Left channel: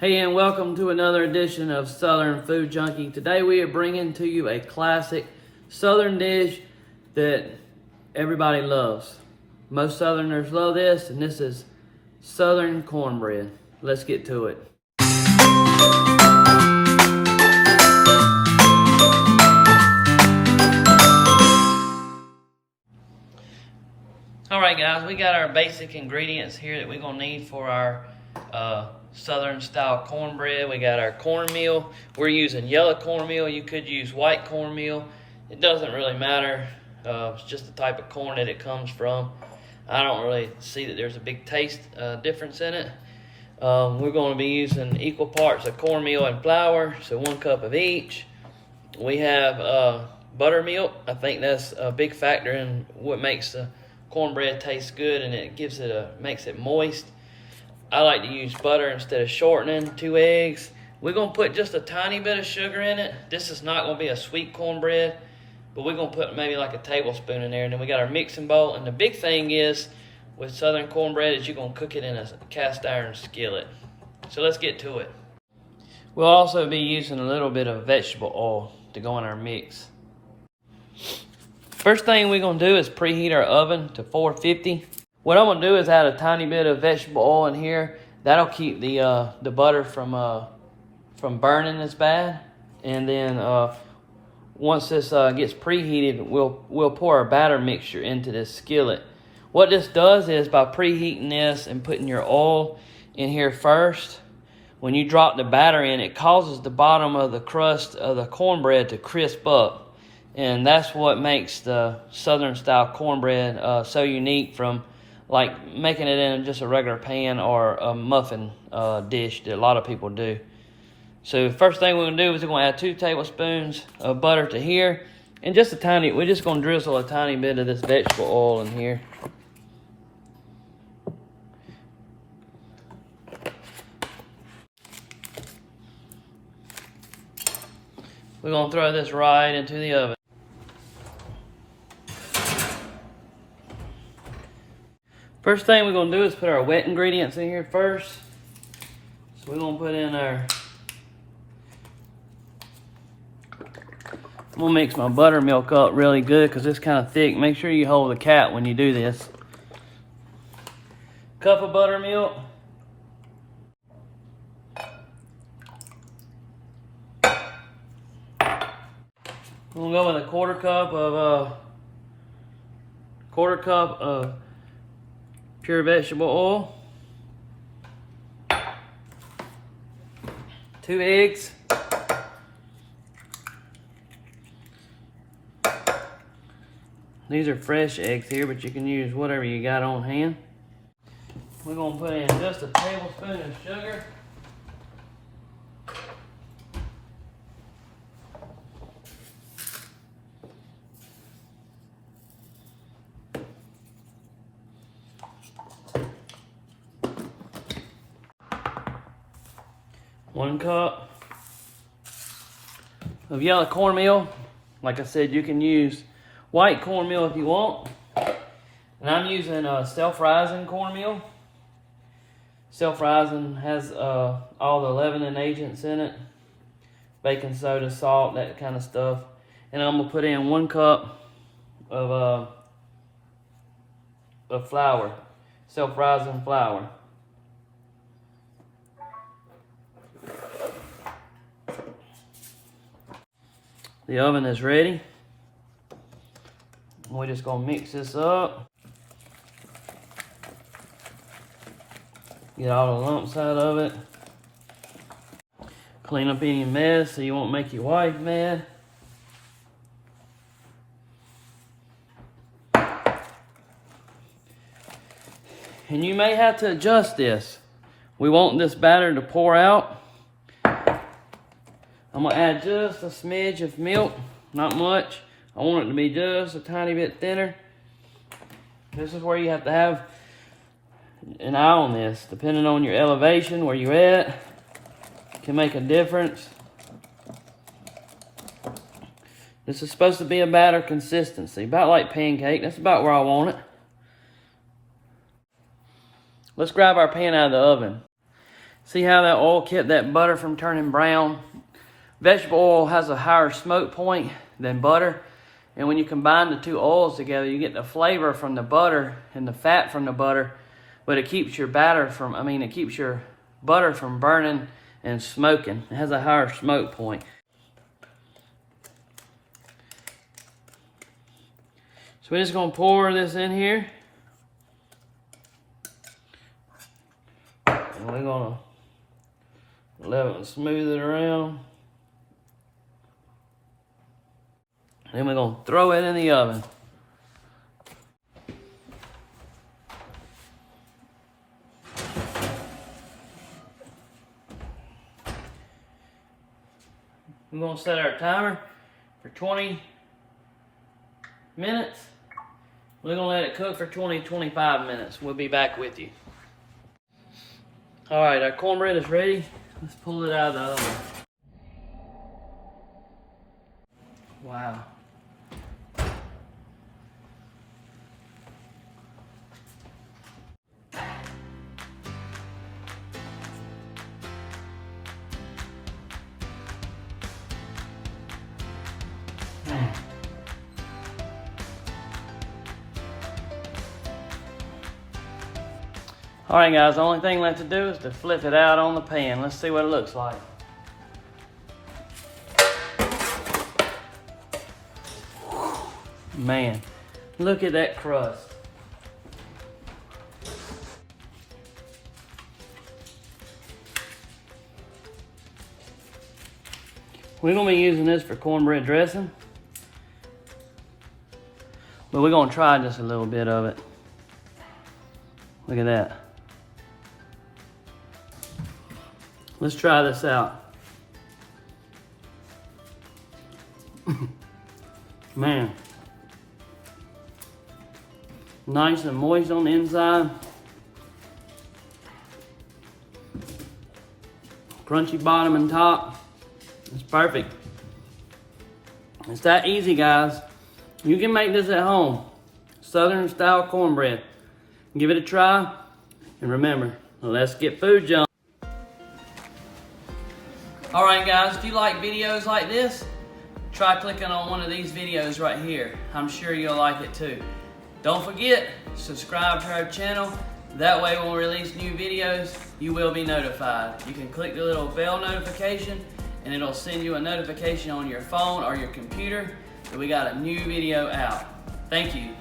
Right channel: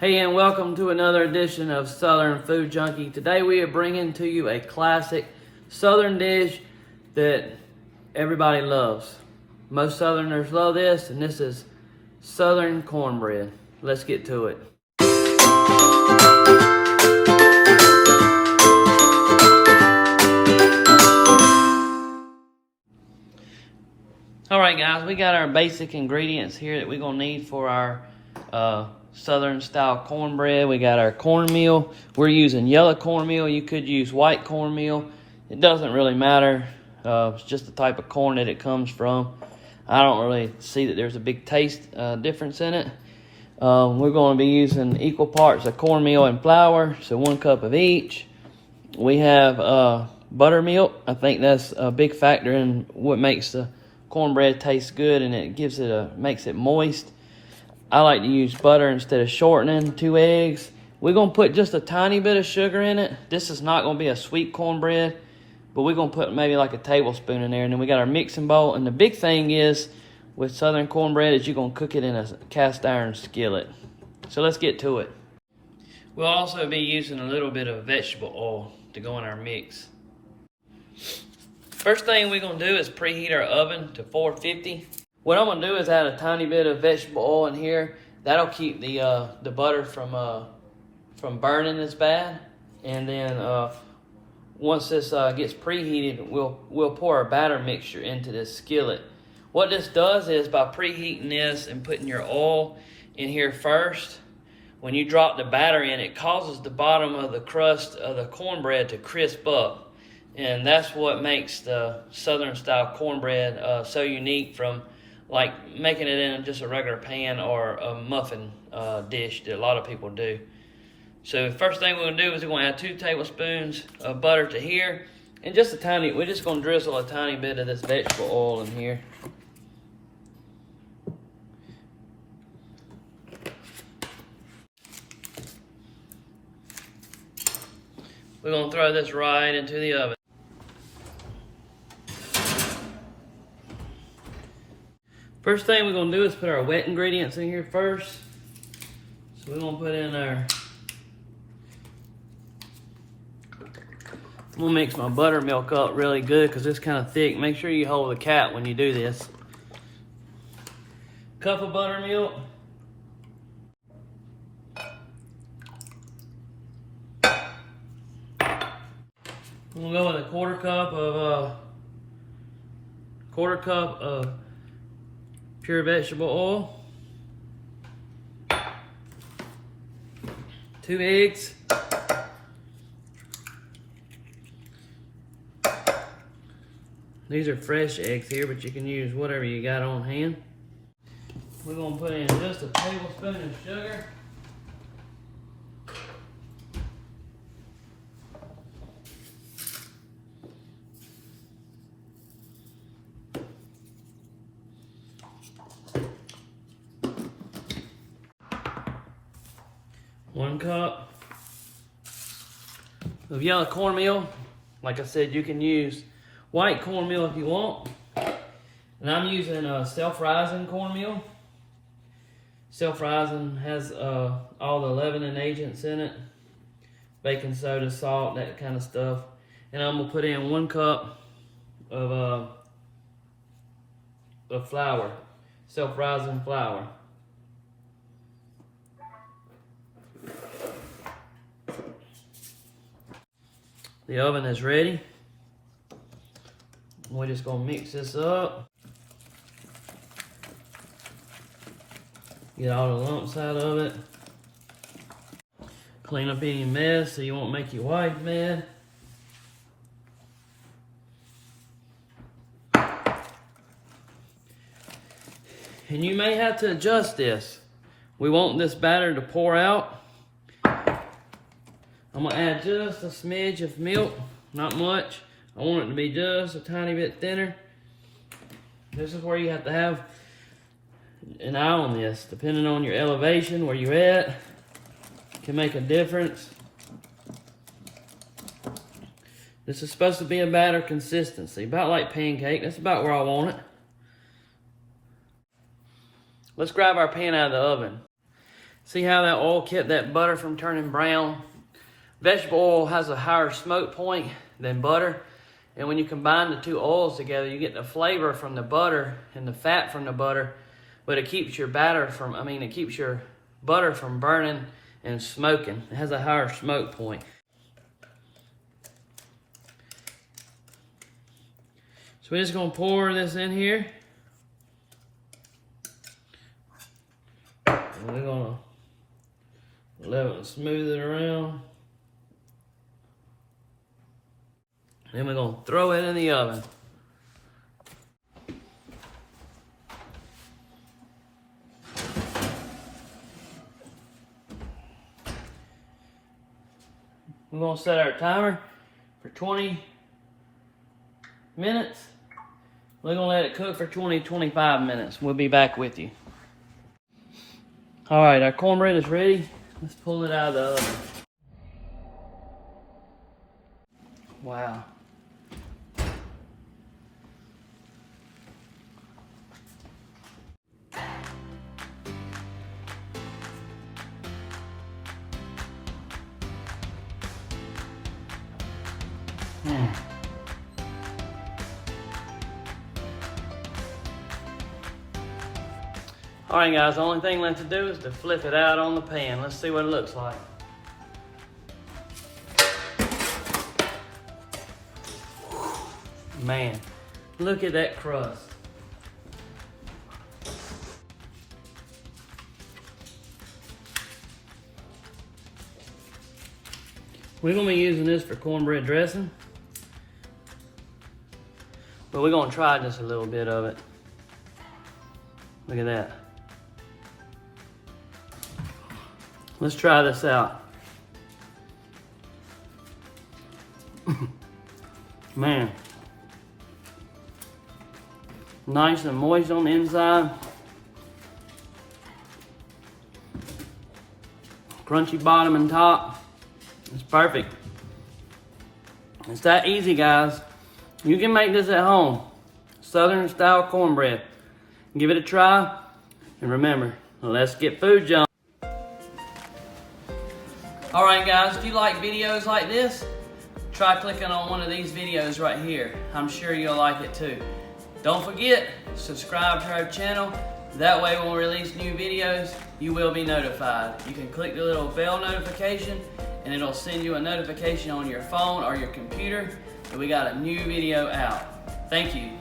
Hey, and welcome to another edition of Southern Food Junkie. Today we are bringing to you a classic Southern dish that everybody loves. Most Southerners love this, and this is Southern cornbread. Let's get to it. All right, guys, we got our basic ingredients here that we're gonna need for our Southern style cornbread. We got our cornmeal. We're using yellow cornmeal. You could use white cornmeal. It doesn't really matter. It's just the type of corn that it comes from. I don't really see that there's a big taste difference in it. We're going to be using equal parts of cornmeal and flour, so 1 cup of each. We have buttermilk. I think that's a big factor in what makes the cornbread taste good, and it gives it makes it moist. I like to use butter instead of shortening. 2 eggs. We're gonna put just a tiny bit of sugar in it. This is not gonna be a sweet cornbread, but we're gonna put maybe like a tablespoon in there. And then we got our mixing bowl. And the big thing is with Southern cornbread is you're gonna cook it in a cast iron skillet. So let's get to it. We'll also be using a little bit of vegetable oil to go in our mix. First thing we're gonna do is preheat our oven to 450. What I'm gonna do is add a tiny bit of vegetable oil in here. That'll keep the butter from burning as bad. And then once this gets preheated, we'll pour our batter mixture into this skillet. What this does is by preheating this and putting your oil in here first, when you drop the batter in, it causes the bottom of the crust of the cornbread to crisp up. And that's what makes the Southern style cornbread so unique from like making it in just a regular pan or a muffin dish that a lot of people do. So first thing we're gonna do is we're gonna add 2 tablespoons of butter to here, and just a tiny, we're just gonna drizzle a tiny bit of this vegetable oil in here. We're gonna throw this right into the oven. First thing we're gonna do is put our wet ingredients in here first. So we're gonna put in I'm gonna mix my buttermilk up really good because it's kind of thick. Make sure you hold the cap when you do this. Cup of buttermilk. We'll go with a quarter cup of pure vegetable oil, 2 eggs, these are fresh eggs here, but you can use whatever you got on hand. We're going to put in just a tablespoon of sugar, one cup of yellow cornmeal. Like I said, you can use white cornmeal if you want. And I'm using self-rising cornmeal. Self-rising has all the leavening agents in it. Baking soda, salt, that kind of stuff. And I'm gonna put in 1 cup of flour, self-rising flour. The oven is ready. We're just gonna mix this up. Get all the lumps out of it. Clean up any mess so you won't make your wife mad. And you may have to adjust this. We want this batter to pour out. I'm gonna add just a smidge of milk, not much. I want it to be just a tiny bit thinner. This is where you have to have an eye on this. Depending on your elevation, where you're at, can make a difference. This is supposed to be a batter consistency, about like pancake. That's about where I want it. Let's grab our pan out of the oven. See how that oil kept that butter from turning brown? Vegetable oil has a higher smoke point than butter. And when you combine the two oils together, you get the flavor from the butter and the fat from the butter, but it keeps your it keeps your butter from burning and smoking. It has a higher smoke point. So we're just gonna pour this in here. And we're gonna level it, smooth it around. Then we're gonna throw it in the oven. We're gonna set our timer for 20 minutes. We're gonna let it cook for 20-25 minutes. We'll be back with you. All right, our cornbread is ready. Let's pull it out of the oven. Wow. All right, guys, the only thing left to do is to flip it out on the pan. Let's see what it looks like. Man, look at that crust. We're gonna be using this for cornbread dressing, but we're gonna try just a little bit of it. Look at that. Let's try this out. Man. Nice and moist on the inside. Crunchy bottom and top. It's perfect. It's that easy, guys. You can make this at home. Southern style cornbread. Give it a try. And remember, let's get food, John. Alright guys, if you like videos like this, try clicking on one of these videos right here. I'm sure you'll like it too. Don't forget, subscribe to our channel. That way when we release new videos, you will be notified. You can click the little bell notification and it'll send you a notification on your phone or your computer that we got a new video out. Thank you.